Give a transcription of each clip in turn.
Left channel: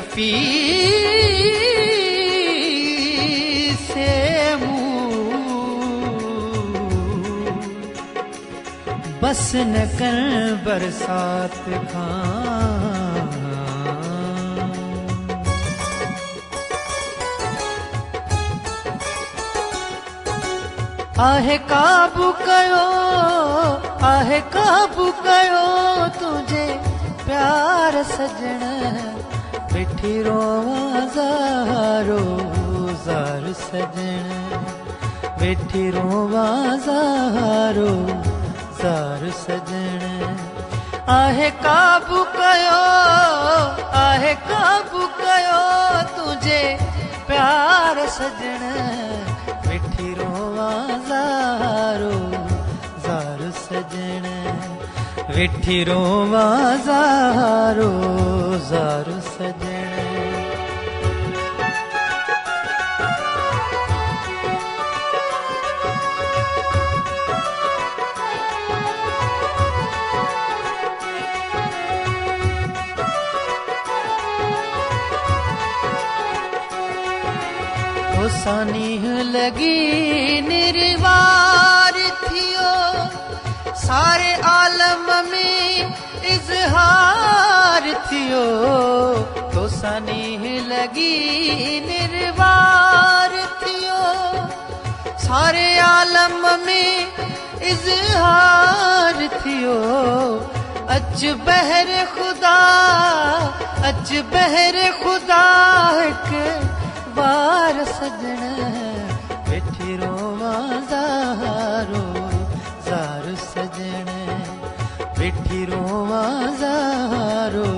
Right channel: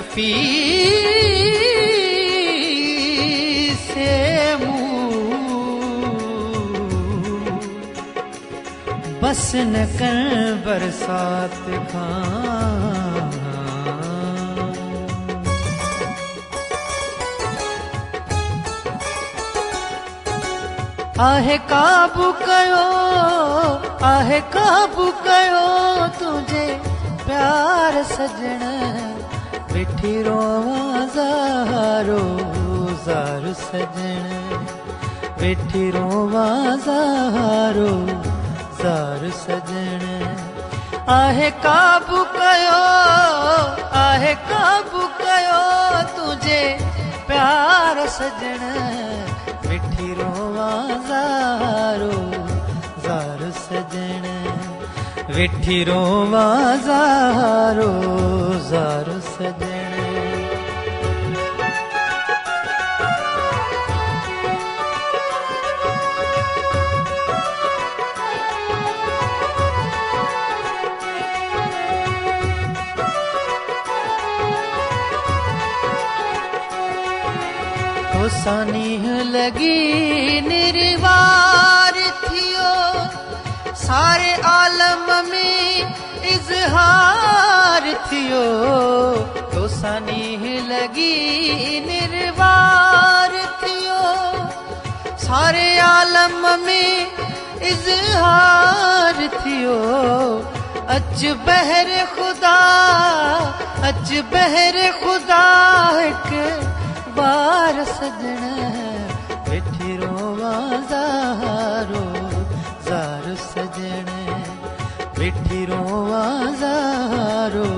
शफी से बस न कर बरसात आहे काबू कयो, आहे काबू कयो तुझे प्यार सजण मिठी रोज़ारो ज़ार सजण मिठी रोज़ारो ज़ार सजण आहे काबू कयो, आहे काबू कयो तुझे प्यार सजण वेठी रोवा ज़ारो ज़ार सजण सानीह लगी निर्वार थियो सारे आलम में इज़हार थियो तो सानीह लगी निर्वार थियो सारे आलम में इज़हार थियो अच बहर खुदा अच बहर खुदा के बार सजण वेठी रोवा ज़ारो ज़ार सजण वेठी रोवा ज़ारो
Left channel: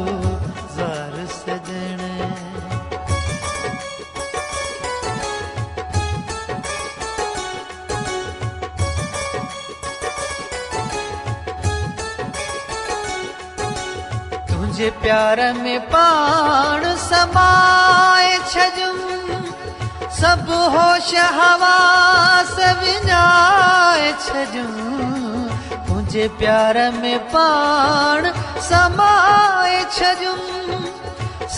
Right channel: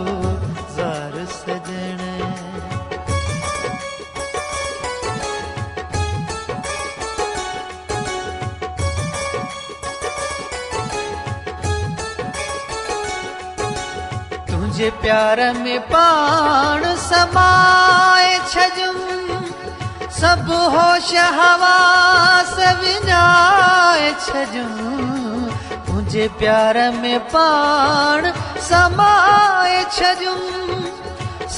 ज़ार सजण तुझे प्यार में पाण समाए छजूं सब होश हवास विञाए छजूं तुझे प्यार में पाण समाए छजूं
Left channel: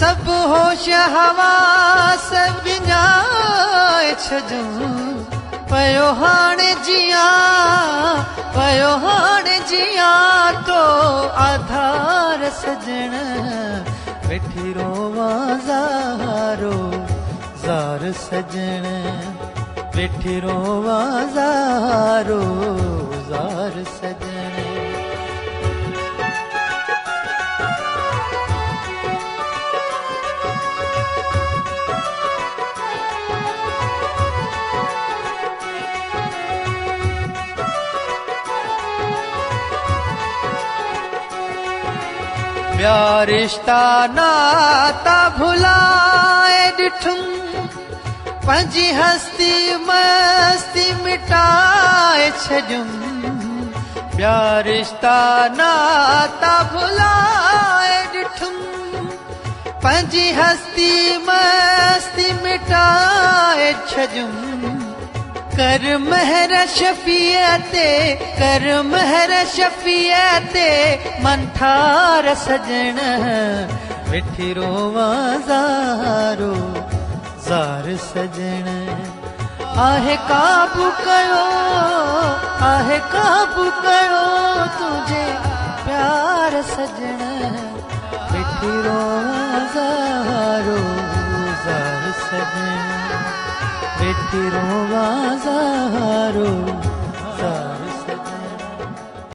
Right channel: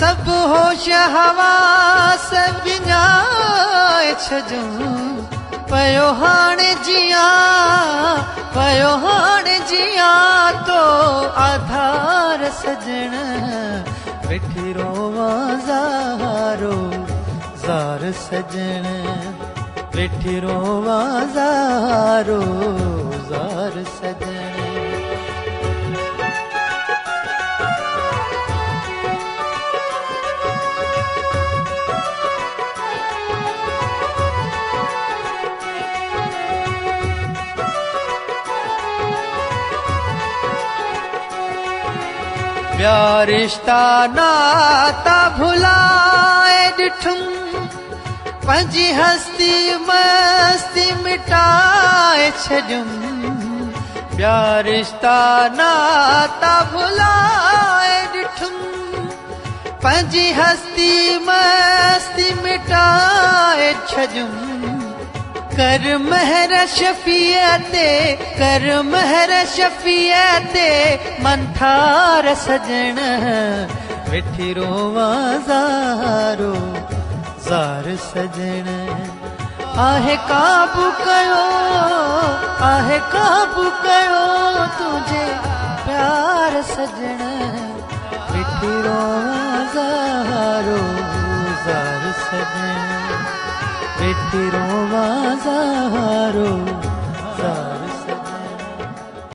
सब होश हवास विञाए छजूं पयो हाणे जिया पयो हाणे जिया तो आधार सजण वेठी रोवा ज़ारो ज़ार सजण वेठी रोवा ज़ारो ज़ार सजण प्यार रिश्ता नाता भुलाए ॾिठुम पंहिंजी हस्ती मस्ती मिटाए छॾियुम प्यार रिश्ता नाता भुलाए ॾिठुम पंहिंजी हस्ती मस्ती मिटाए छॾियुम कर महर शफीअते कर महर शफीअते मंथार सजण वेठी रोवा ज़ारो ज़ार सजण आहे काबू कयो आहे काबू कयो